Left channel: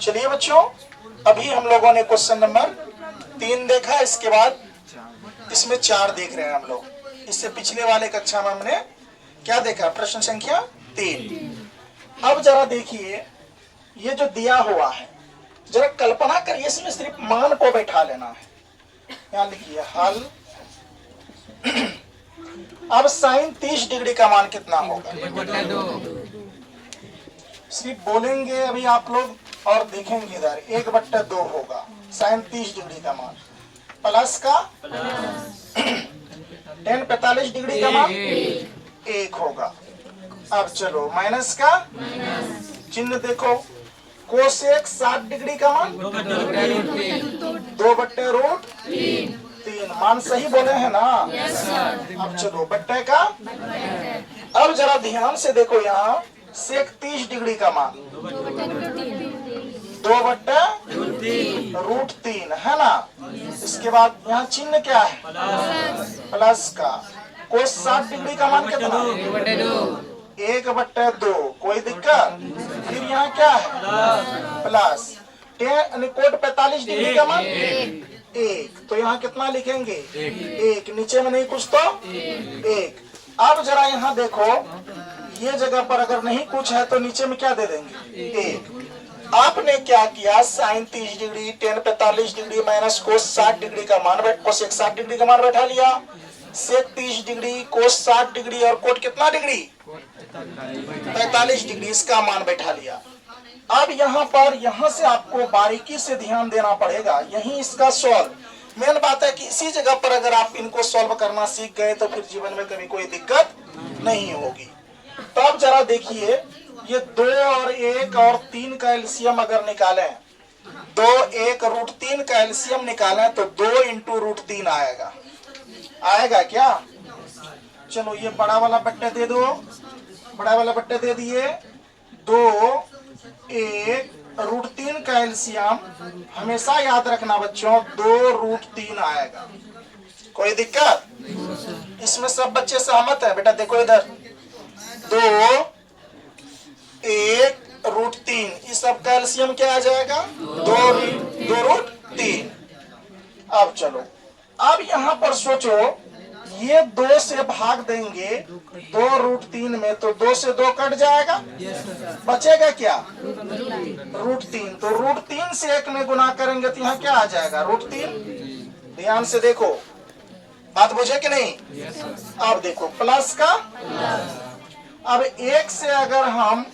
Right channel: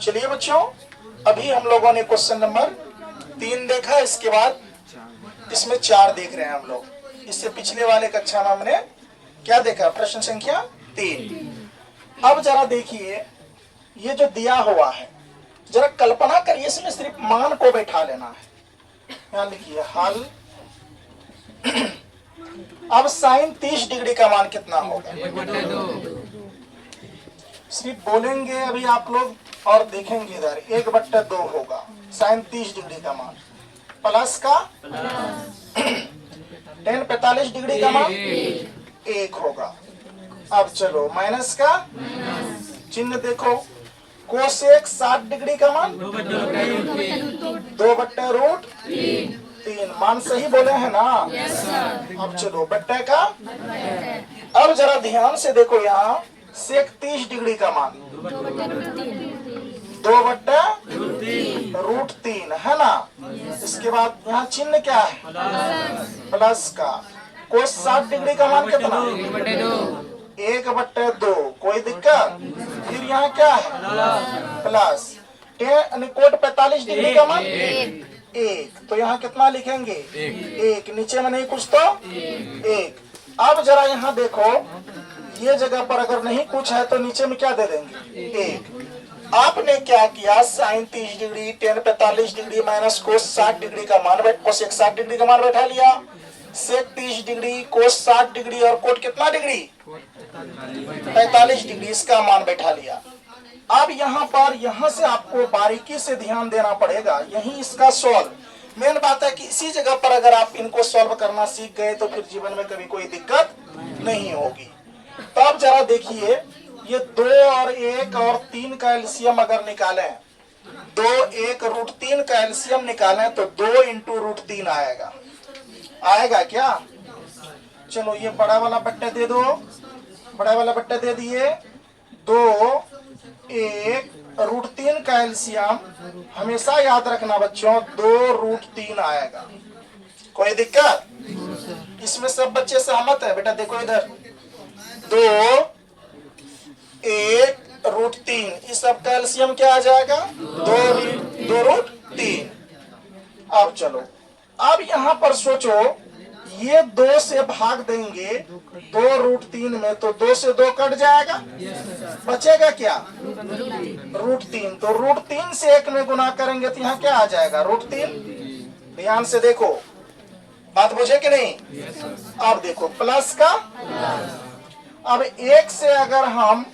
चलिए बच्चों, अभी हम लोगों ने क्वेश्चन नंबर 3 देखा, इसके बाद इसमें 4 देख रहे हैं हम लोग। इससे पिछले वाले कक्षा में हमने क्या देखा? प्रश्न संख्या 3। अब जरा देखिए, ये जो दिया हुआ है जरा कल्पना करिए, इसमें सिर्फ मान को बैठा लेना है। यहाँ लिखिए हल। अब साइन 30 डिग्री का मान कितना होगा? सिर्फ बोलेंगे अभी आप लोग और देखेंगे इधर 1/2 होगा साइन 30 डिग्री का मान। प्लस का tan 45 डिग्री का मान 1 होगा। अब चलो माइनस का चिन्ह देखो, कोसेक 60 डिग्री का मान 2/√3। मान सही बोले हैं ना? अब चलो बट्टे का। अब जरा ध्यान से देखो, यहाँ सेक 30 डिग्री का मान 2/√3 है ना। इसके बाद यहाँ चिन्ह क्या है? प्लस का। कोस 60 डिग्री का मान कितना? 1/2। कोई दिक्कत? फिर यहाँ क्या है? प्लस। कोट 45 डिग्री का मान 1, तो यहाँ कितना लिखेंगे? 1। नीचे में नहीं कुछ तो 1। अब जरा यहाँ देखो, ये जगह पर अगर नहीं कुछ है तो नीचे में क्या दे देंगे? 1। आपने क्या किया? Sine 30 degree, tan 45 degree minus cos 60 degree का मान, कोसेक 60 डिग्री का मान बैठा लिया। सेक 30 डिग्री, कोस 60 डिग्री और कोट कितना डिग्री? 45 डिग्री, इसका मान बैठा लिया। अब यहाँ पर यहाँ से आपको बारीकी से ध्यान देना पड़ेगा, यही इसका सॉल्व। मेन बात है कि इसी जगह पर अगर आप इनको सॉल्व करना सीख गए तो फिर जीवन में कभी कोई दिक्कत नहीं होगी। तो अब जरा देखिए, ये 2 और 1 और 3 का एलसीएम अगर निकालें, 2 1√3 का एलसीएम निकालें तो 2 × √3 आएगा। आएगा क्या? चलो ये बड़ा वाला बट्टा दे दो, बड़ा वाला बट्टा दे दिए। 2 1√3 का एलसीएम हमेशा याद रखना बच्चों 2√3 आएगा। कोई दिक्कत? इसमें सब बच्चे सहमत है? बेटा देखो इधर, 2 1√3, इस सब का एलसीएम क्या आ जाएगा? 2√3। अब चलो, अब यहाँ पर सोचो, ये 2 से भाग देंगे 2√3 में तो 2 से 2 कट जाएगा, बचेगा क्या? √3। तो √3 से 1 में गुना करेंगे तो यहाँ क्या आ जाएगा? √3। ध्यान से देखो, बात बुझे कि नहीं? अब देखो प्लस का। अब 1 से अगर हम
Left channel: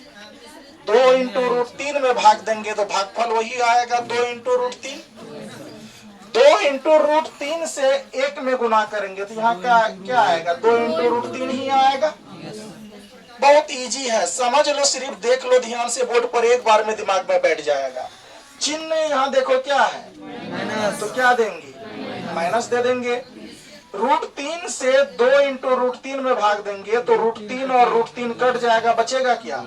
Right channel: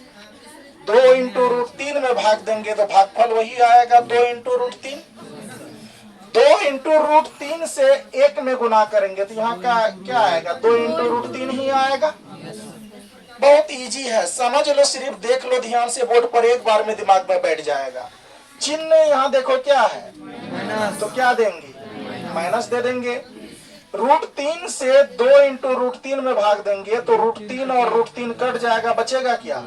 2 × √3 में भाग देंगे तो भागफल वही आएगा, 2 × √3। 2 × √3 से 1 में गुना करेंगे तो यहाँ का क्या आएगा? 2 × √3 ही आएगा। बहुत इजी है, समझ लो, सिर्फ देख लो ध्यान से बोर्ड पर, एक बार में दिमाग में बैठ जाएगा। चिन्ह यहाँ देखो क्या है, तो क्या देंगे? माइनस दे देंगे। √3 से 2 × √3 में भाग देंगे तो √3 और √3 कट जाएगा, बचेगा क्या?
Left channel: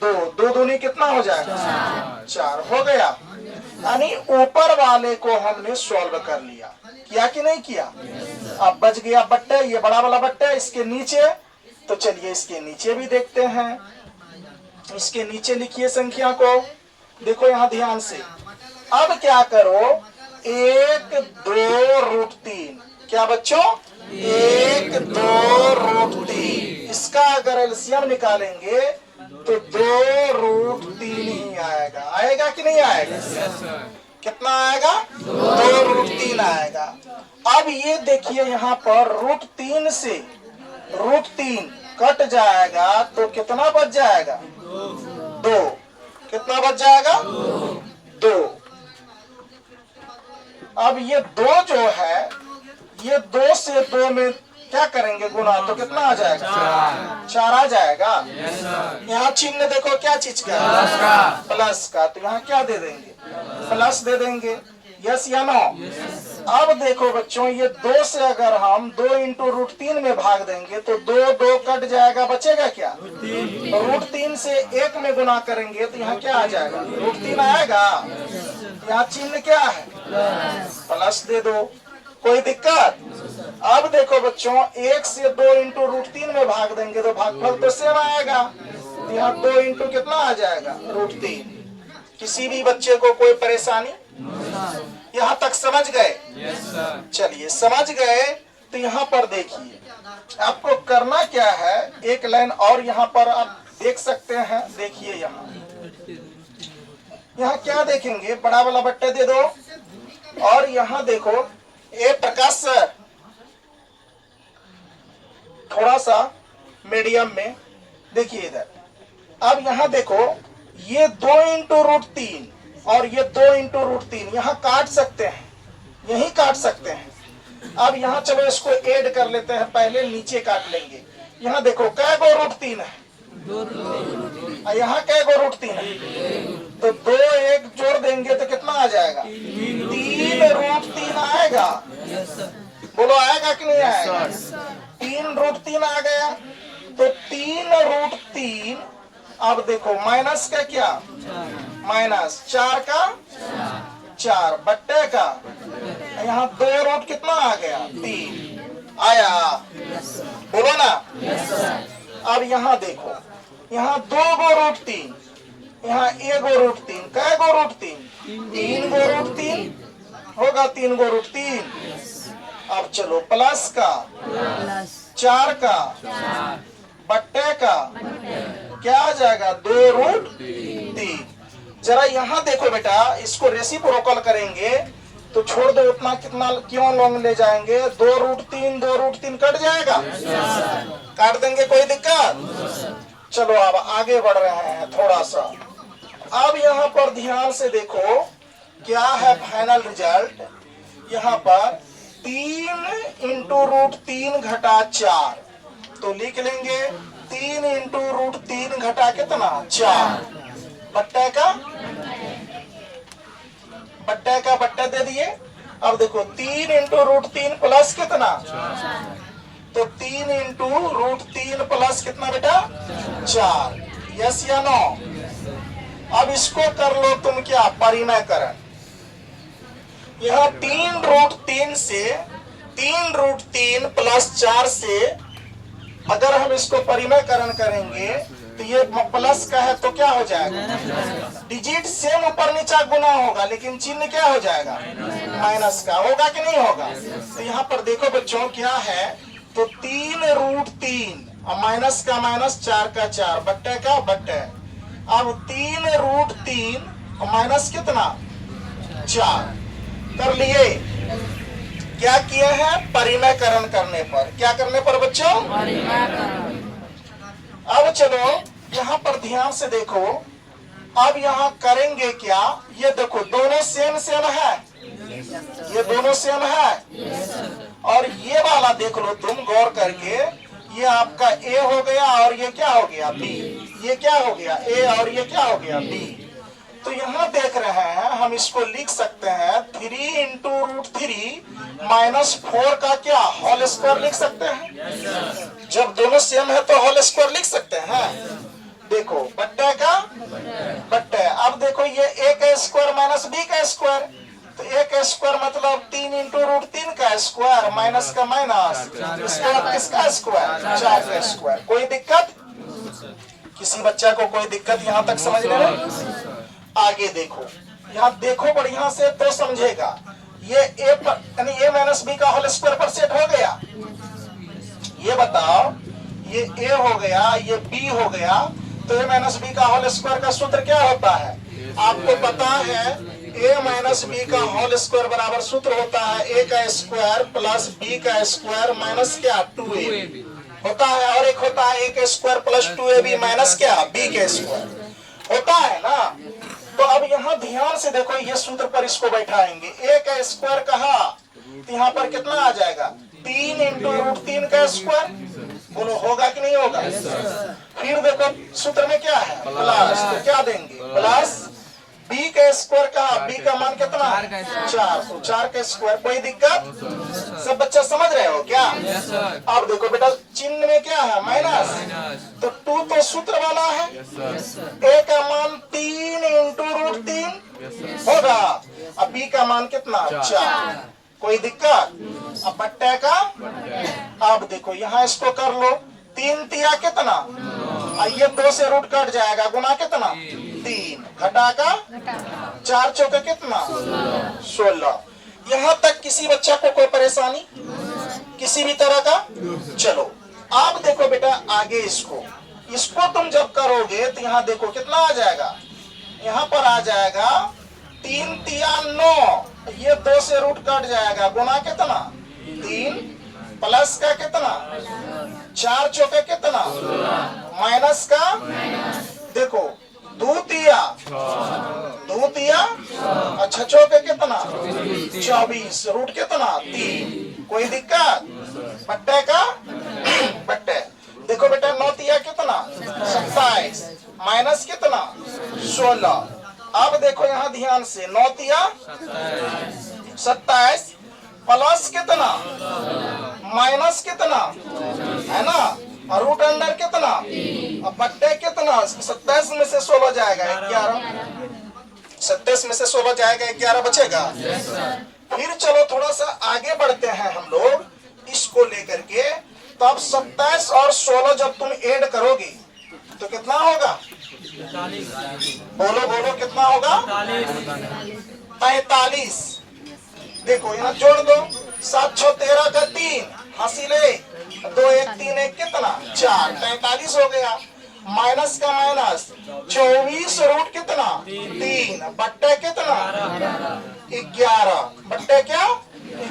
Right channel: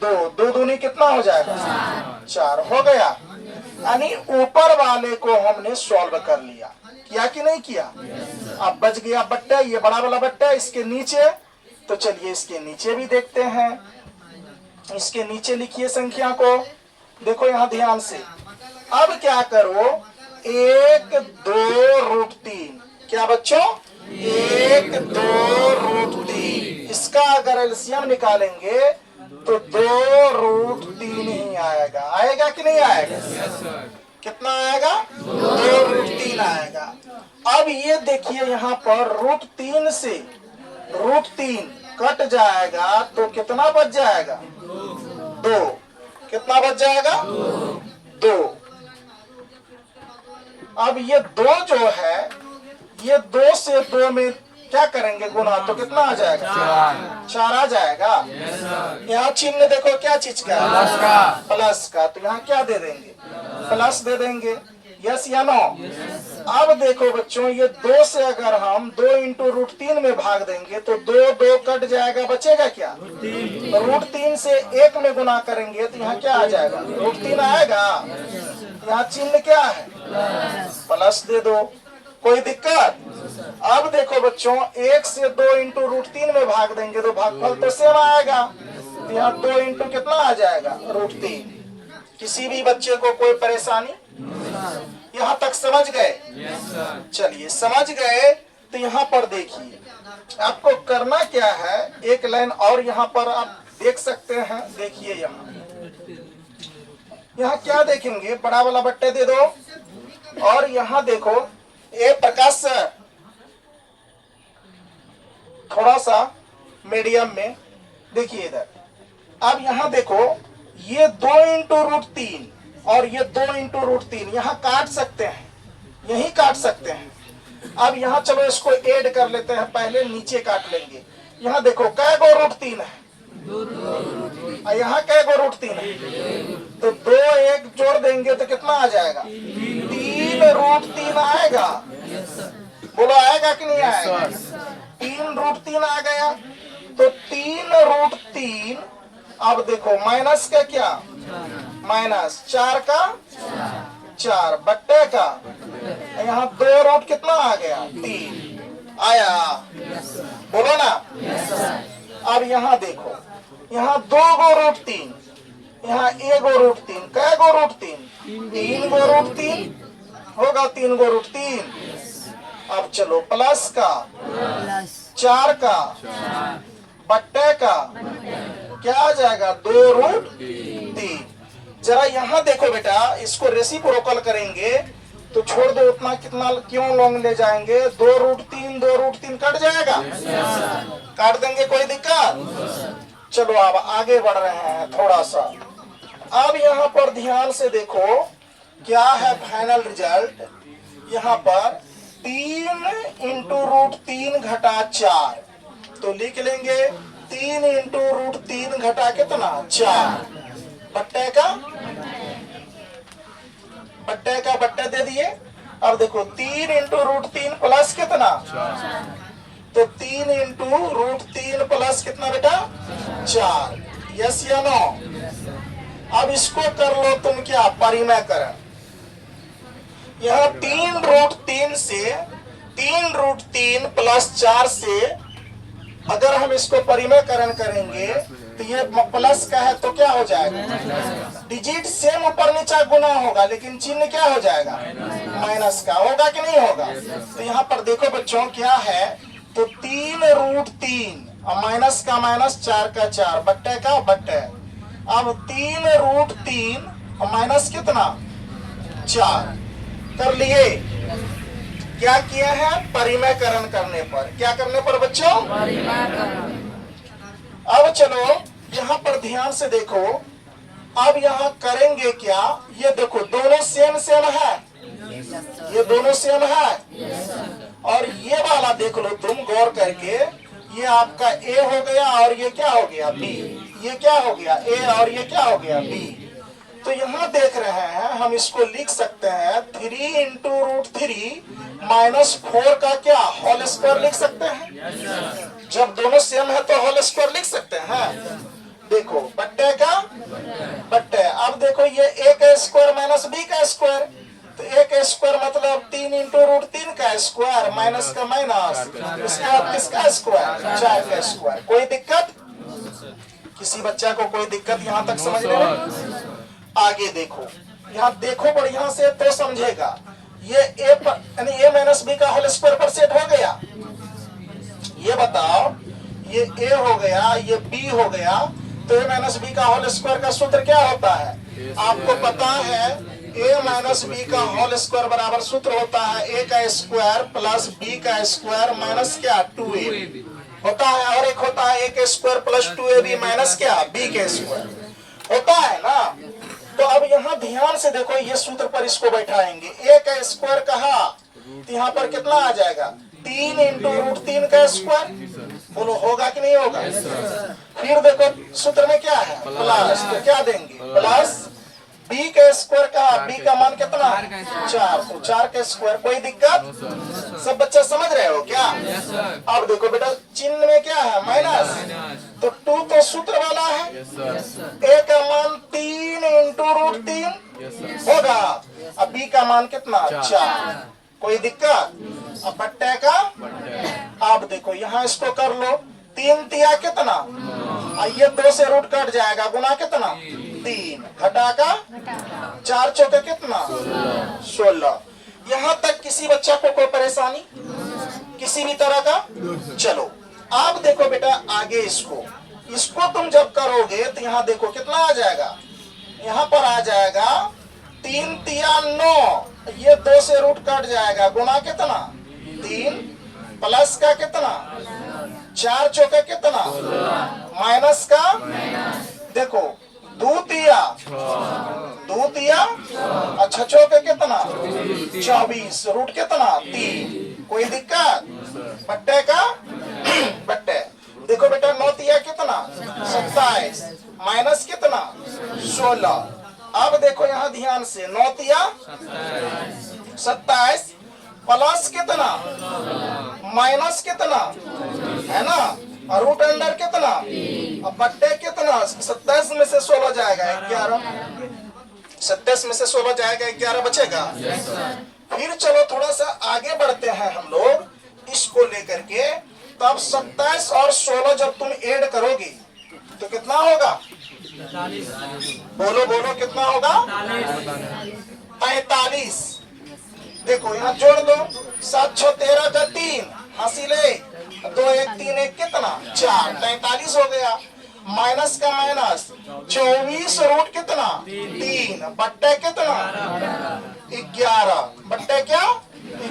2। 2 दूनी कितना हो जाएगा? 4 हो गया। यानी ऊपर वाले को हमने सॉल्व कर लिया, किया कि नहीं किया? अब बच गया बट्टा, ये बड़ा वाला बट्टा। इसके नीचे, तो चलिए इसके नीचे भी देखते हैं। इसके नीचे लिखिए संख्या को, देखो यहाँ ध्यान से। अब क्या करो, 1 2√3, क्या बच्चों? 1 2√3, इसका अगर एलसीएम निकालेंगे तो 2√3 ही आएगा। आएगा कि नहीं आएगा? कितना आएगा? 2√3 आएगा। अब ये देखिए यहाँ पर √3 से √3 कट जाएगा तो कितना बच जाएगा? 2। कितना बच जाएगा? 2। अब ये 2 जो है, ये 2 से 2 में क्या करेंगे गुना, तो कितना आ जाएगा? 4 आ जाएगा। यहाँ चिन्ह देखो क्या चीज का? प्लस का। तो यहाँ क्या दे देंगे? प्लस दे देंगे। यस या नो? अब देखो बच्चों, ये 2 से अगर हम 2 × √3 में भाग देंगे तो 2 2 कट जाएगा, बचेगा क्या? √3 से 1 में गुना करेंगे तो यहाँ क्या आ जाएगा? √3 आएगा। यहाँ चिन्ह क्या है? प्लस दे दो। कोई दिक्कत? अब देखो बच्चों, 1 से 2 × √3 में भाग देंगे तो भागफल तो सेम आएगा। यहाँ 2 × कितना आ जाएगा? √3। किसी भी बच्चे को कोई परेशानी? यहाँ तक समझ गए? चलिए समझ गए तो यहाँ पर देखिए आपको करना क्या है, एक लाइन और यहाँ पर आप देख सकते हैं। देखिए यहाँ क्या देखेंगे, बड़ा वाला बट्टे दे दो और यहाँ देखो ए प्रकाश सर थोड़ा सा मीडियम में देखिए इधर। अब यहाँ देखो ये 2 इंटू रूट 3 और ये 2 इंटू रूट 3 यहाँ काट सकते हैं, यही काट सकते हैं। अब यहाँ चलो इसको ऐड कर लेते हैं, पहले नीचे काट लेंगे। यहाँ देखो कै गो रूट 3 है, यहाँ कै गो रूट 3 है, तो 2 1 जोड़ देंगे तो कितना आ जाएगा? 3 रूट 3 आएगा। बोलो आएगा कि नहीं आएगा? 3 रूट 3 आ गया, तो 3 रूट 3। अब देखो माइनस का क्या, माइनस 4 का 4 बट्टे का यहाँ 2 रूट कितना आ गया? 3 आया। बोलो ना। अब यहाँ देखो यहाँ 2 गो रूट 3, यहाँ 1 गो रूट 3, कै गो रूट 3? 3 गो रूट 3 होगा, 3 गो रूट 3। अब चलो प्लस का 4 का बट्टे का क्या आ जाएगा? 2 रूट 3। जरा यहाँ देखो बेटा, इसको रेसिप्रोकल करेंगे तो छोड़ दो उतना, कितना क्यों लॉन्ग ले जाएंगे? 2 रूट 3 कट जाएगा, काट देंगे, कोई दिक्कत? चलो अब आगे बढ़ रहे हैं थोड़ा सा। अब यहाँ पर ध्यान से देखो क्या है फाइनल रिजल्ट। यहाँ पर 3 इंटू रूट 3 घटा 4, तो लिख लेंगे 3 इंटू रूट 3 घटा कितना? 4 बट्टे का बट्टे दे दिए। अब देखो 3 इंटू रूट 3 प्लस कितना? तो 3 इंटू रूट 3 प्लस कितना बेटा? 4। यस या नो? अब इसको कर लो तुम क्या, परिमेयकरण। यह 3 रूट 3 से 3 रूट 3 प्लस 4 से अगर हम इसको परिमेयकरण करेंगे तो ये प्लस का है तो क्या हो जाएगा? डिजिट सेम ऊपर नीचा गुना होगा, लेकिन चिन्ह क्या हो जाएगा? माइनस का होगा कि नहीं होगा? तो यहाँ पर देखो बच्चों क्या है, तो 3 रूट 3 और माइनस का माइनस, 4 का 4 बट्टे का बट्टे। अब 3 रूट 3 और माइनस कितना? 4 कर लिए। क्या किया है? परिमेयकरण करने पर। क्या करने पर बच्चों? अब चलो यहाँ पर ध्यान से देखो, अब यहाँ करेंगे क्या? ये देखो दोनों सेम सेम है, ये दोनों सेम है, और ये वाला देख लो तुम गौर करके, ये आपका ए हो गया और ये क्या हो गया? बी। ये क्या हो गया? ए और ये क्या हो गया? बी। तो यहाँ देख रहे हैं हम इसको लिख सकते हैं 3 इंटू रूट 3 माइनस 4 का क्या होल स्क्वायर लिख सकते हैं। जब दोनों सेम है तो होल स्क्वायर लिख सकते हैं। देखो बट्टे का बट्टे। अब देखो ये ए का स्क्वायर माइनस बी का स्क्वायर, तो ए का स्क्वायर मतलब 3 इंटू रूट 3 का स्क्वायर माइनस का माइनस, इसके बाद किसका स्क्वायर? 4 का स्क्वायर। कोई दिक्कत? किसी बच्चा को कोई दिक्कत यहाँ तक समझ में? आगे देखो, यहाँ देखो बढ़िया से तो समझेगा। ये ए यानी ए माइनस बी का होल स्क्वायर पर सेट हो गया। ये बताओ, ये ए हो गया, ये बी हो गया, तो ए माइनस बी का होल स्क्वायर का सूत्र क्या होता है? आपको पता है ए माइनस बी का होल स्क्वायर बराबर सूत्र होता है ए का स्क्वायर प्लस बी का स्क्वायर माइनस क्या? 2ab होता है, और एक होता है ए का स्क्वायर प्लस 2ab माइनस क्या? बी का स्क्वायर होता है ना। तो अब यहाँ ध्यान से देखो, ये सूत्र पर इसको बैठाएंगे। ए का स्क्वायर कहा तो यहाँ पर कितना आ जाएगा? 3 इंटू रूट 3 का स्क्वायर। बोलो होगा कि नहीं होगा? फिर देखो सूत्र में क्या है? प्लस, तो क्या देंगे? प्लस बी का स्क्वायर कहा, बी का मान कितना? 4, तो 4 का स्क्वायर। कोई दिक्कत? सब बच्चा समझ रहे हो क्या? अब देखो बेटा चिन्ह में क्या है? माइनस, तो 2 तो सूत्र वाला है। ए का मान 3 इंटू रूट 3 होगा, अब बी का मान कितना? 4। कोई दिक्कत? अब बट्टे का, अब देखो यहाँ इसको कर लो, 3 तिया कितना? ये 2 से रूट कट जाएगा, गुना कितना? 3 घटा का 4 चौके कितना 16। यहाँ तक किसी बच्चा को कोई परेशानी किसी भी तरह का। चलो आप देखो बेटा आगे इसको तुम जब करोगे तो यहाँ देखो कितना आ जाएगा, यहाँ पर आ जाएगा 3 तिया 9, ये 2 से रूट कट जाएगा, गुना कितना 3 प्लस का कितना 4 चौके कितना माइनस का, देखो 2 तिया अच्छा चौके कितना 24, रूट कितना 3, कोई दिक्कत बट्टे का बट्टे। देखो बेटा 9 तिया कितना 27 माइनस कितना 16। अब देखो यहाँ ध्यान से 9 तिया 27 प्लस कितना माइनस कितना है ना, और रूट अंडर कितना, अब बट्टे कितना 27 में से 16 जाएगा 11, 27 में से 16 जाएगा 11 बचेगा। फिर चलो थोड़ा सा आगे बढ़ते हैं हम लोग इसको लेकर के, तब 27 और 16 जब तुम ऐड करोगे तो कितना होगा, बोलो बोलो कितना होगा 45। देखो यहाँ जोड़ दो 7 6 13 का 3 हासिल 1 2 1 3 1 कितना 4 45 हो गया। माइनस का माइनस 24 रूट कितना 3 बट्टे कितना 11 बट्टे क्या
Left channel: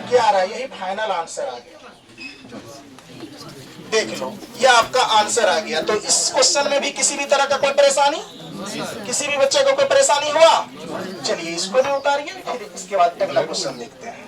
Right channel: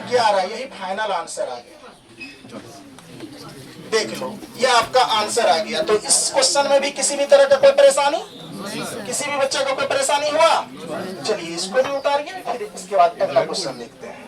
11, यही फाइनल आंसर आ गया। देख लो ये आपका आंसर आ गया। तो इस क्वेश्चन में भी किसी भी तरह का कोई परेशानी, किसी भी बच्चे को कोई परेशानी हुआ, चलिए इसको भी उतारिए, फिर इसके बाद अगला क्वेश्चन देखते हैं।